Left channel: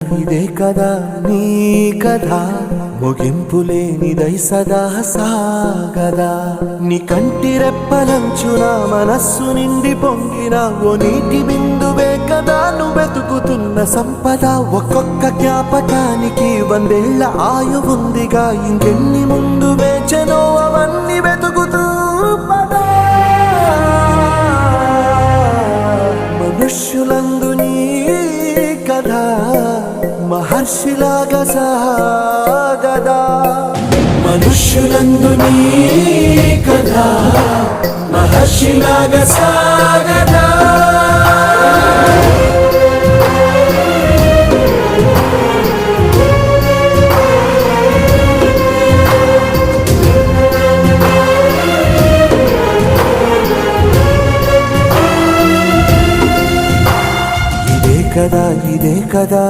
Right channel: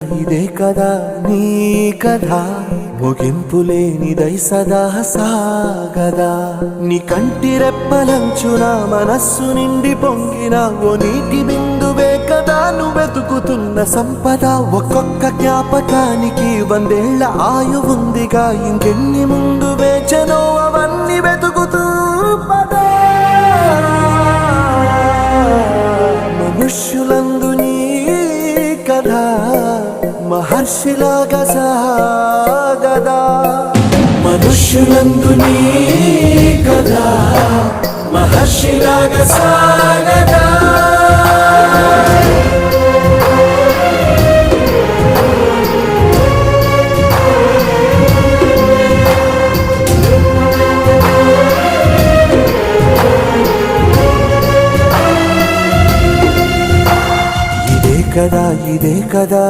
ఇదే కదా నీ కథ ముగింపులేనిదై సదా సాగదా నీ కంటి రెప్పలంచున మనస్సు నిండి పొంగిన ఓ నీటి బిందువే కదా నువ్వెతుకుతున్న సంపద ఒక్కొక్క జ్ఞాపకానికి 100 ఏళ్ల ఆయువుందిగా ఇంకెన్ని ముందు వేచనో అవన్నీ వెతుకుతూ పదా మనుష్యులందు నీ కథ మహర్షిలాగా సాగదా మనుష్యులందు నీ కథ మహర్షిలాగా సాగదా ఇదే కదా